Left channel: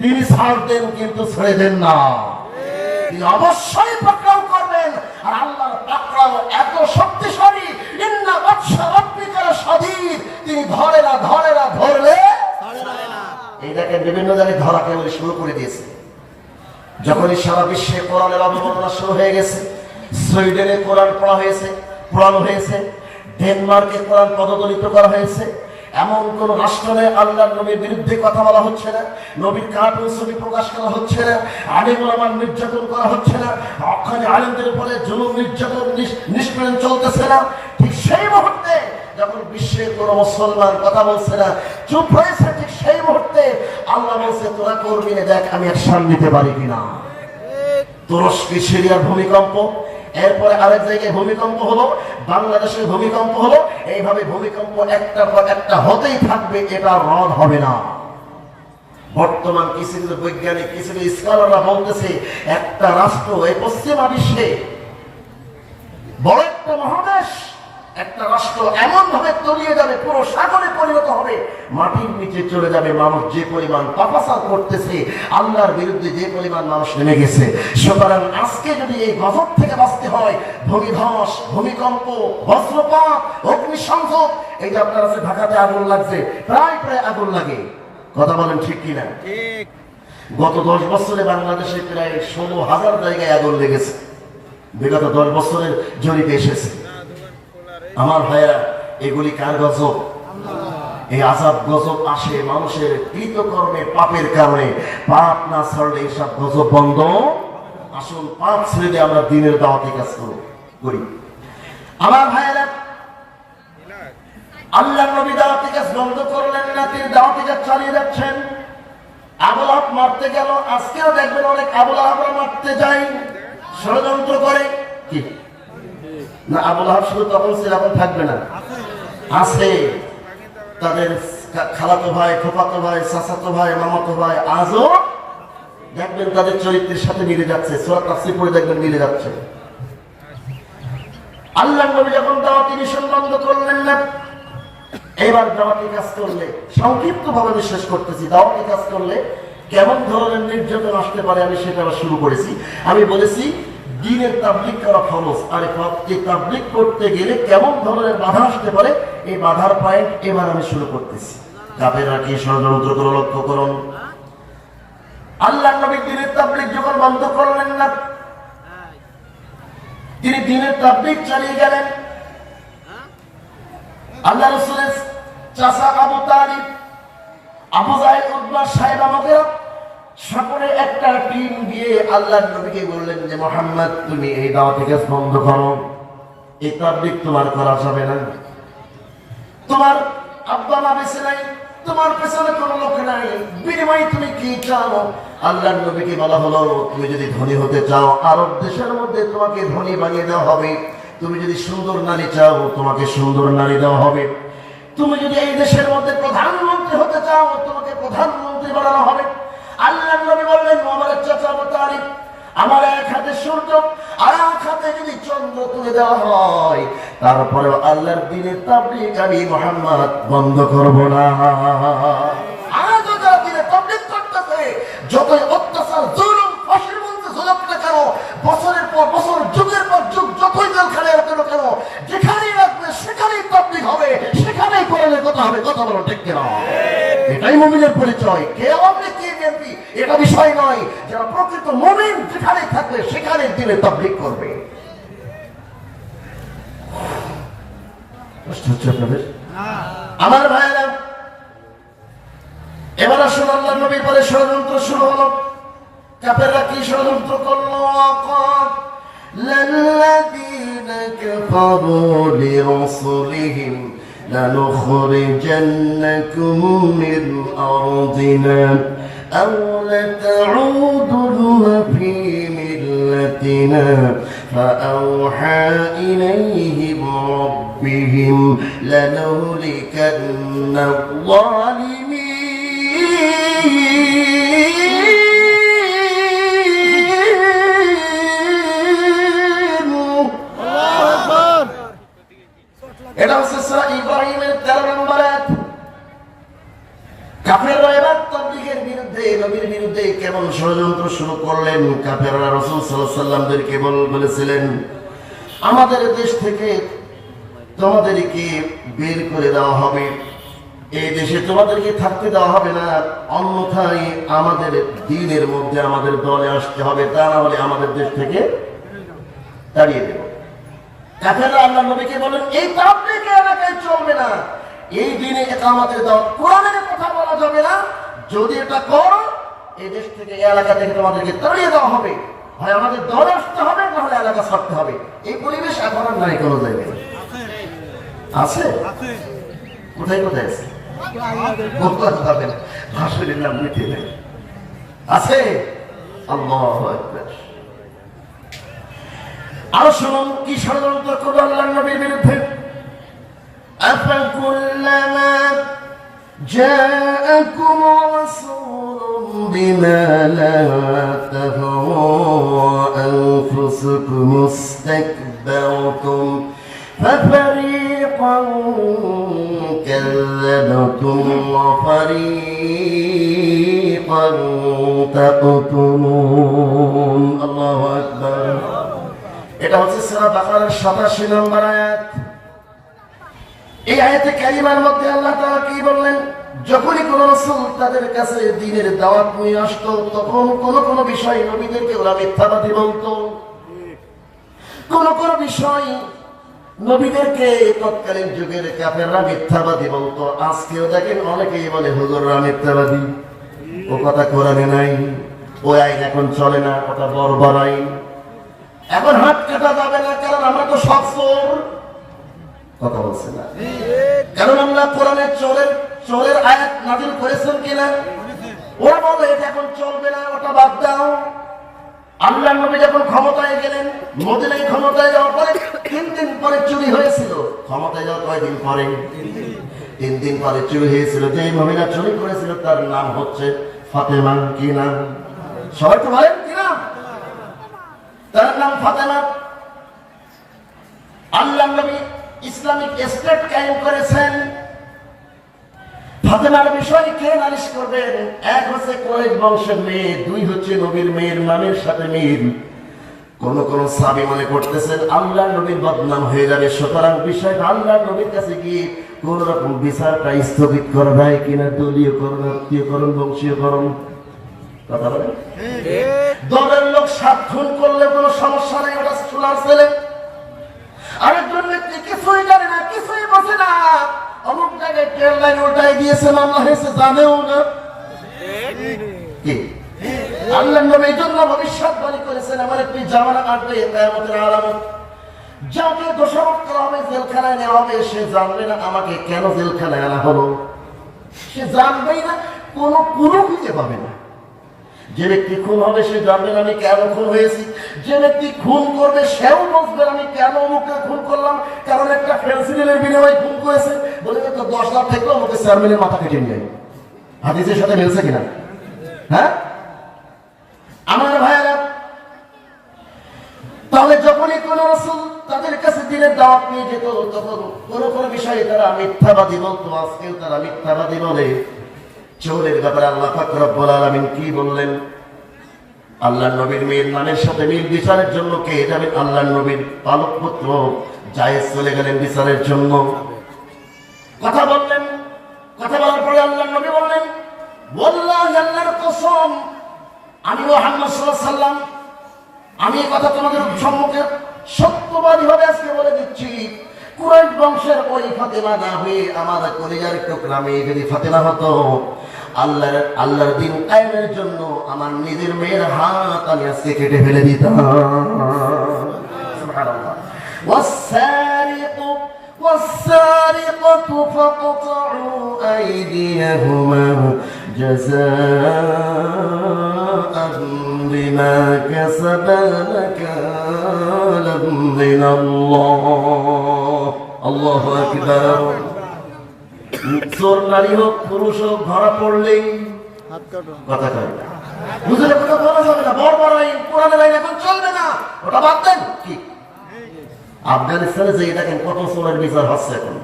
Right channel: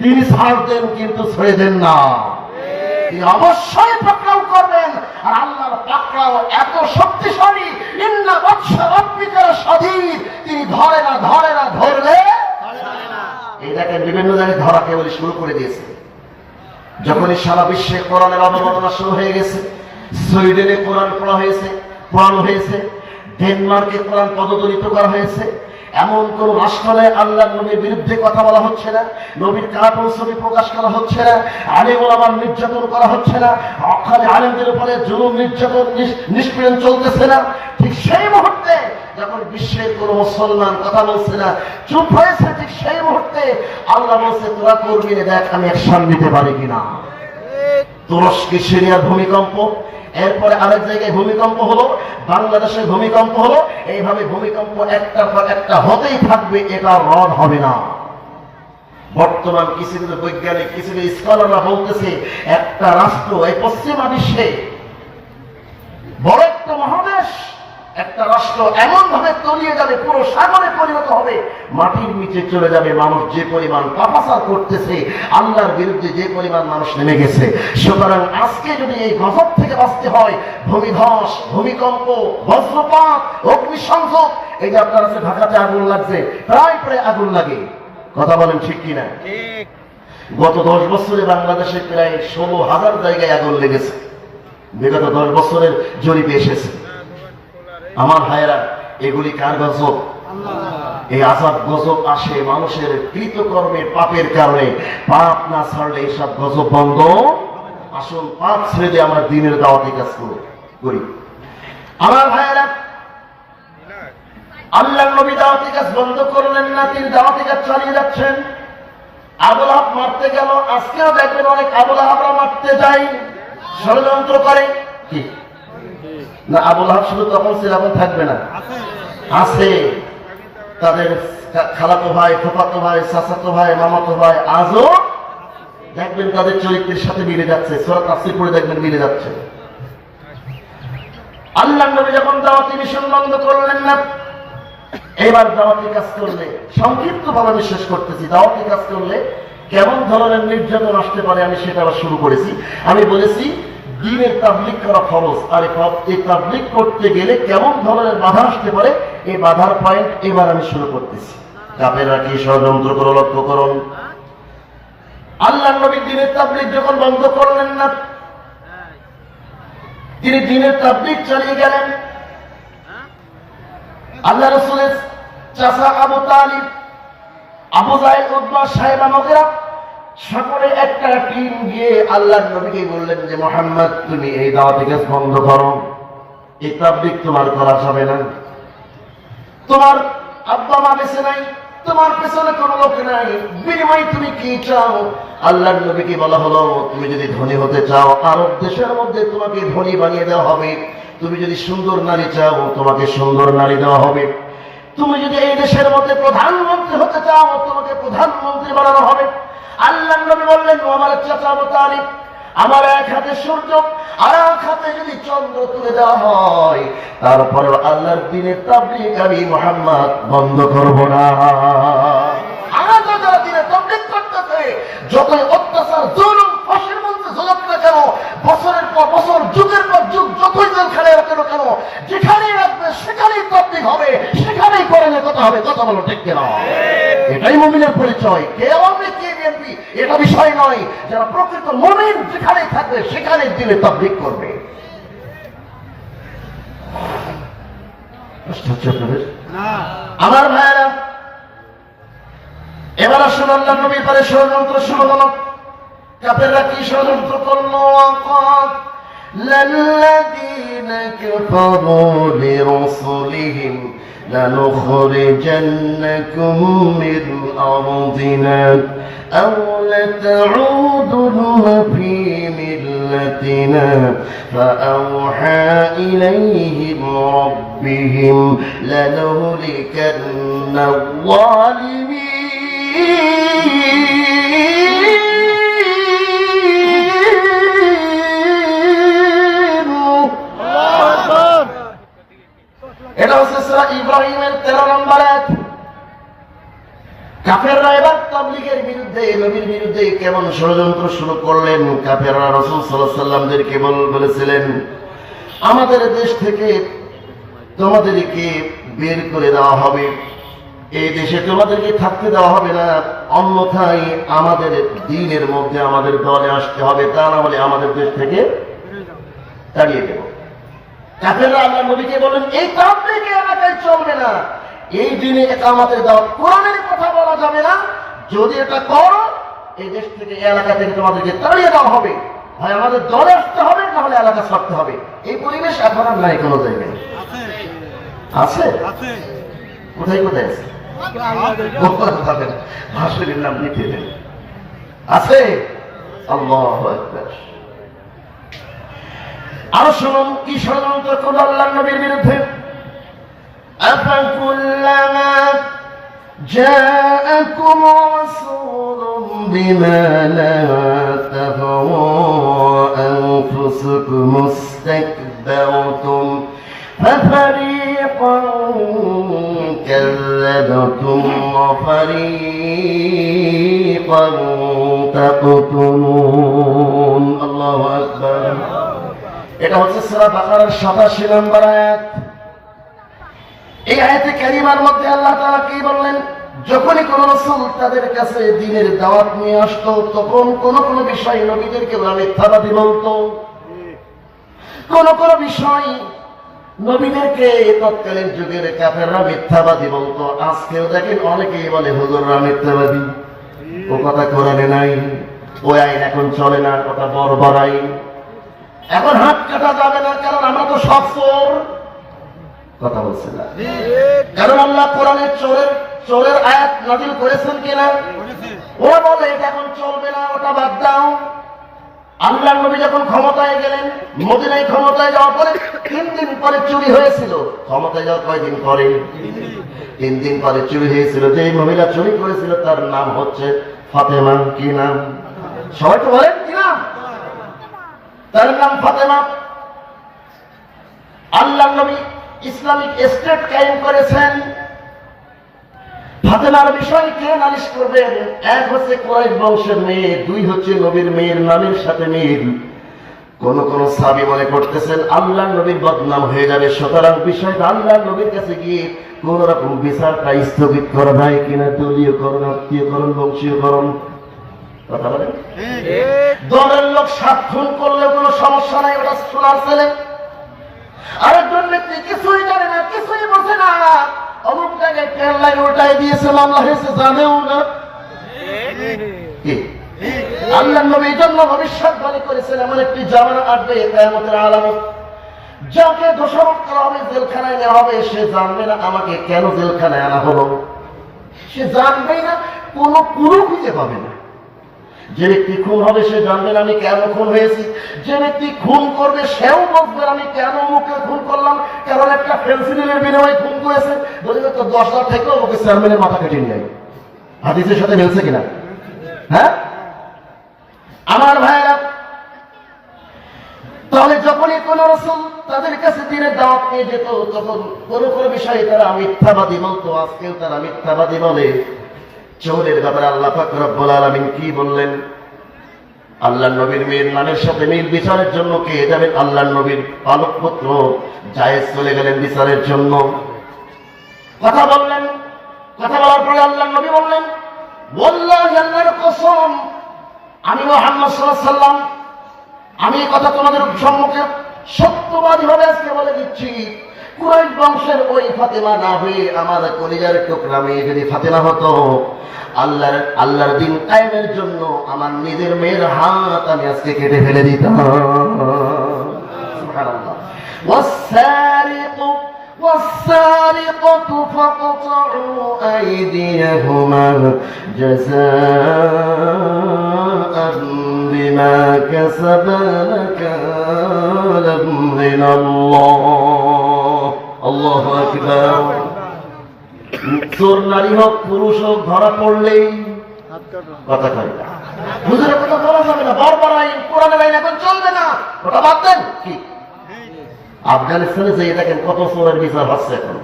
তিনি ছাড় দেন কিন্তু ছেড়ে দেন না, তিনি অবশ্যই পাকড়াও করবেন। আর আল্লাহর পাকড়াও এত শক্তিশালী, ইন্না বাতশা রাব্বিকা শাদীদ, তিনি ধরে না ধরলে এটাকে বিভিন্ন জায়গায় ধরাকে বলে শুরু করে দিয়েছে। যখনই সারা বিশ্বে কোরআনের আবহাওয়া শুরু হয়ে গেছে, সুইডেনে কোরআন পড়ানো হয়েছে, ডেনমার্কে কোরআন পদদলিত করা হয়েছে, এমন কোন রাষ্ট্র নেই আল্লাহর নবীর বিরুদ্ধে কথা বলা হচ্ছে না, নবীর কার্টুন ছবি প্রকাশ করা হচ্ছে না, আলেম ওলামার নির্যাতন করা হচ্ছে না, হক্কানি আলেমদের উপরে জুলুম নির্যাতন নিষ্পীড়ন চলতেছে না। ঠিক সেই মুহূর্তে যখন বিশ্বের কোন মুসলমান কথা বলছে না, চুপ হয়েছে, ঠিক সেই মুহূর্তে আল্লাহ বলছে তোরা করবি, দেখ আমি অ্যাকশন নিতে পারি কিনা। তুরস্ক সিরিয়ার ভূমিকম্প, এরপরে আরেক জায়গায় ভূমিকম্প হলো, বাংলাদেশের ভূমিকম্প হলো, এইভাবে ভূমিকম্প একটা পর একটা হতেই থাকবে, এটা রদ হবে না। বর্তমান কিছু বৈজ্ঞানিক কিছু স্কলাররা বলতেছে একটা রাষ্ট্র, এই পশ্চিমা বিশ্বে বড় একটা মহাদেশ, একটা রাষ্ট্র এমন ভাবে তলিয়ে যাবে, পুরো সাগরে পরিণত হবে, মাটির নিচে চলে যাবে। মানুষ যে পরিমাণ পাপাচার করতেছে, আল্লাহর বিরুদ্ধে যে পরিমাণ মানুষ নেমে গেছে। সুতরাং আজকে যদি এই গজব থেকে বাঁচতে হয়, ভূমিধস, ভূমিকম্প, বজ্রপাত, অগ্নিসংযোগ, এই যে আপনার কাছে ঢাকাতে আগুন লাগছে, প্রায় আগুন লাগে, কথা বলেন ঠিক কিনা? গত 10 বছরে বাংলাদেশে প্রায় 16,000 জায়গায় আগুন লেগেছে, বিগত 10 বছরের জরিপে এসেছে। আমার ভাইয়েরা, এগুলি কার গজব? এই আযাব গজব আসে মানুষের কৃতকর্মের পাপের কারণে। পাপ না ছাড়লে এইসব গজব বন্ধ। আসল পাপ ছেড়ে দিয়ে আমরা দিনের দাওয়াতি কাজ করি। আমার ভাইয়েরা, আল্লাহর নবী দাওয়াতি কাজ বন্ধ করলেন না, তিনি দাওয়াতি কাজ চালিয়ে যাচ্ছেন। আবু লাহাব মারতে গেল, আজকেও দেখবেন অনেক আবু লাহাবরা মারতে যায়, ষড়যন্ত্র করে। কি না, আবু লাহাব শুধু তখন ছিল, এখন থাকবে না, আছে তাদের খালাতো ভাই, ফুফাতো ভাই, চাচাতো ভাই, মামাতো ভাই, আজও দেখবেন তাদের চরিত্রের সাথে মিলে যাচ্ছে। সূরা তাফসীর পড়ে দেখবেন মিলে যাচ্ছে। আল্লাহর নবী যখন দাওয়াতি মিশন বন্ধ করলেন না, এবার দাওয়াতি কাজ করলে, সংক্ষিপ্ত ভাবে আমি শেষ করতেছি, দাওয়াতি কাজ করলে কেমন ধরনের নির্যাতন আসতে পারে আমি সেটা শুরু করেছি। আমি বলেছি দ্বীনের তাবলীগ করা ফরজ, আর এই তাবলীগ করতে গেলে কেমন ধরনের বাধা আসতে পারে, এই বাধার পয়েন্ট এবার আমি শুরু করতেছি। কাফেররা কি ষড়যন্ত্র করে লক্ষ্য করুন। আল্লাহর নবী দ্বীনের তাবলীগ যখন বন্ধ করলেন না, তিনি দ্বীনের তাবলীগ চালিয়ে গেলেন। আল্লাহ রাসূলের চাচা আবু তালিব, আবু জাহেল, উতবা, সাইবা, মুগীরা সকলে একটা টিম গিয়ে আল্লাহর নবীকে বললেন যে মুহাম্মদ, তুমি এই দাওয়াতি কাজ বন্ধ করো, এই তাবলীগ তোমার করা যাবে না। তোমার আব্বা মা বেঁচে নাই, তোমার পেছনে কোনো লোক নাই, বিনিময়ে তুমি কি চাও? আল্লাহর নবীকে বলা হলো, তুমি যদি ধনী হতে চাও, আরব দেশের মধ্যে তোমাকে ধনী বানিয়ে দেওয়া হবে। তুমি যদি সুন্দর নারী চাও, তোমাকে সুন্দর নারী দেওয়া হবে। তুমি যদি এই দেশের মধ্যে প্রধানমন্ত্রী হতে চাও, তোমাকে প্রধানমন্ত্রী বানানো হবে। আল্লাহর নবী বললেন, আমার চাচা আবু তালিব, আমার এক হাতে সূর্য আর এক হাতে যদি চন্দ্র তুলে দেওয়া হয়, তারপরেও আল্লাহর দ্বীনের তাবলীগ আমি মুহাম্মদ বন্ধ করব না। যারা দ্বীনের তাবলীগ করতেছে, যতই অত্যাচার, জুলুম, ফাঁসির মধ্যে ঝুলাক না কেন, বছরের পর বছর, যুগের পর যুগ, যতই দিন খেলে রাখো কেন, যেখানেই রাখবে সেখানেই তাবলীগ হবে, সেখানেই পড়ালে কথা হবে। কথা বলো ঠিক কিনা? এটাই মুমিনের পরিচয়। কেউ আমি কে বিএনপি এটা বিষয় নয়, যারা প্রকৃত মুমিন যেখানে থাকবে সেখানে দিলে তাবলীগ করবে। আমার ভাইয়েরা, এবার আসলে আল্লাহর নবীর পরে ষড়যন্ত্র শুরু হলো। কাফেররা কি ষড়যন্ত্র করলো? লাল্লাযীনা কাফারু লিরাসূলিহিম لنخرجنكم من أرضنا أو لتعودن في ملتنا فأوحى إليهم ربهم لنهلكن الظالمين এটা হচ্ছে সূরা ইব্রাহিমের 13 নম্বর আয়াত। কাফেররা এবার তাবলীগের বিরুদ্ধে এলো, নবীর বিরুদ্ধে কেমন ষড়যন্ত্র শুরু করলেন। কাফেররা রাসূল সাল্লাল্লাহু আলাইহি ওয়াসাল্লামকে বলেছিলেন, আমাদের দেশ থেকে তোমাদেরকে বের করে দেওয়া হবে, এই দেশে তোমাদেরকে থাকতে দেওয়া হবে না, অন্যথায় আমাদের দ্বীনের মধ্যে আমাদের দলে আসতে হবে, তা না হলে আমাদের দেশ থেকে তাড়িয়ে দেব। কাফেররা আল্লাহর নবীকে বলেন, এই তাবলীগ এলাকায় চলবে না, এই দিনে ইকামতের দাওয়াত, কোরআনের কথা বলা যাবে না, যদি এটা করো এই দেশ থেকে এই এলাকা থেকে তোমাদেরকে তাড়িয়ে দেওয়া হবে, হয় আমাদের দলে আসতে হবে না হলে এলাকা ছাড়তে হবে। এই পরিবেশ এখন আর নাই কোনো জায়গায়। আছে কোথায় কোথায় আছে? হাসিলের নাম নিতে আছে। আল্লাহু আকবার। আরো শুনুন কি ষড়যন্ত্র করল আল্লাহর নবীর বিরুদ্ধে। আফাকুল্লামা জাআকুম রাসূলুম বিমা লা তাহওয়া আনফুসুকুম মুস্তাকবারতুম ফাফারিকান কাযযাবতুম ওয়া ফারিকান তাকতুলুন। আল্লাহু আকবার। এটা হচ্ছে সূরা বাকারার 87 নম্বর আয়াত। এই আয়াতে কারিমার মধ্যে আল্লাহ তাআলা কি বললেন? যখনই কোন রাসূল তাদের কাছে দ্বীনের দাওয়াত নিয়ে আসতো, তখন কোন কোন বিষয় নবীদেরকে ওরা মিথ্যাবাদী বলতো। কোন কোন বিষয় নবীদেরকে তৎকালীন যুগের কাফেররা মিথ্যাবাদী বলতো। আজকেও দেখেন অনেকেই বলে হুজুররা মিথ্যাবাদী, ও কথা কোরআনে নাই, ওই আইন এখন চলে না, কথা বড় বড় আইন, এখন হাত কাটা যাবে না, কারণ আমরা তো সব চোর। কথা বলছে না, কারণ আল্লাহ কোরআনে চোরের আয়াত নাযিল করেছেন কিনা? ওরা বলে এটা এখন চলবে না, ওটা বাদ দাও। আল্লাহ নবী যখন ক্ষমতায় গেলেন, মদিনায় ক্ষমতায় যাওয়ার পরে 3 দিন পরে চুরি হয়েছিল। ক্ষমতায় যাওয়ার কয়দিন পরে? 3 দিন পরে চুরি হয়েছিল। যে মহিলা চুরি করেছিল তার নাম হচ্ছে ফাতেমা। কি নাম? সবাই তো বলেন কি নাম? তার নাম ফাতেমা। আল্লাহ নবী ইসলামিক স্টেট কায়েম করেছেন। ফাতেমার বিষয় কে নালিশ করবেন? এক হচ্ছে কুরাইশ বংশের মেয়ে, 2 হচ্ছে নবীর মেয়ের নামের সাথে মিল। কোন কোন সাহাবী মনে করতেছেন আল্লাহ নবীর বদনাম হয়ে যাবে, সুতরাং বিষয়টা আল্লাহ নবীর কাছে গিয়ে কোন রকম বিচারটা স্থগিত করা যায় কিনা, দলীয়করণ, আত্মীয়করণ, বংশীয়করণ। কথা বলেন। দলের লোক 7 খুন করলে কোনো সমস্যা নাই, ওটা শোনার ছেলে। আরেকজন ব্যক্তি কিছুই জানে না, কিছুই বোঝে না, অমুক জায়গায় ট্রেন লাইন ওটাই দিয়েছে, মামলা হয়েছে, জানেও না। কি আল্লাহ নবী এই জন্য ভবিষ্যৎবাণী করেছেন, এমন একটি জামানা আসবে কিয়ামতের আলামত, যাকে দোষারোপ করা হবে, জেলখানায় নেওয়া হবে, সে জানবে না আমাকে কেন জেলখানায় আনা হলো, সে জানবেই না, কোনো খুঁজে পাবে না। যে ব্যক্তি খুন হবে সে জানবেন আমি কেন খুন হয়েছি, যে ব্যক্তি খুন করবে সেও বুঝবেন আমি কেন মুখে খুন করলাম, কারণ একটা পেন্সিলের বিনিময়ে খুন করেছে, বলবে তো 10,000 থেকে আমাকে চেয়ারম্যানের মাথা কেটে নিয়ে আয়। হাদিসের সাথে মিলছে কিনা? হ্যাঁ আমার ভাইয়েরা, তাহলে যখনই কোন রাসূল তাদের কাছে দ্বীনের দাওয়াত নিয়ে যেত, তখন কোন কোন বিষয়ে তারা মিথ্যাবাদী বলতো। আজকেও তারা মিথ্যাবাদী বলে। চোরের ব্যাপারে আল্লাহ পাক রব্বুল আলামিন কি বললেন? আল্লাহর নবীর মেয়ের নামের সাথে মিল বিচারের জন্য কে যাবে? আল্লাহর নবীর পালক পুত্র জায়েজ চলে গেলেন বিচারের জন্য। কথা বললেন, কথা বলার পরে আল্লাহর নবী বললেন, ওয়াল্লাহি আল্লাহর কসম, আমি মুহাম্মদ সাল্লাল্লাহু আলাইহি ওয়াসাল্লাম, আমি এই কথা তোমাদের সম্মুখে সত্যবাদী ভাবে আজকে বলে দিচ্ছি, কুরাইশ বংশের ওই ফাতেমা না হয়ে আমার কলিজার টুকরা মেয়ে যদি ফাতেমা হতো, আল্লাহর দিন কায়েমের জন্য আমার নিজের মেয়ের হাত আমি আজকে কেটে ফেলে দিতাম। সুবহানাল্লাহ। والسارقة فاقطعوا أيديهما جزاء بما كسبا نكالا من الله. الله أكبر. চোর নারী হোক পুরুষ হোক ধরা পড়লেই কথা কয় না, বুঝলে কথা বলা যাবে না, বড় আইন কোরআনের আইন এখন চলবে না, ওটা বাদ দেন। কি আফগানিস্তানে যে দেখেন কত চোরের বিচার হচ্ছে এখন।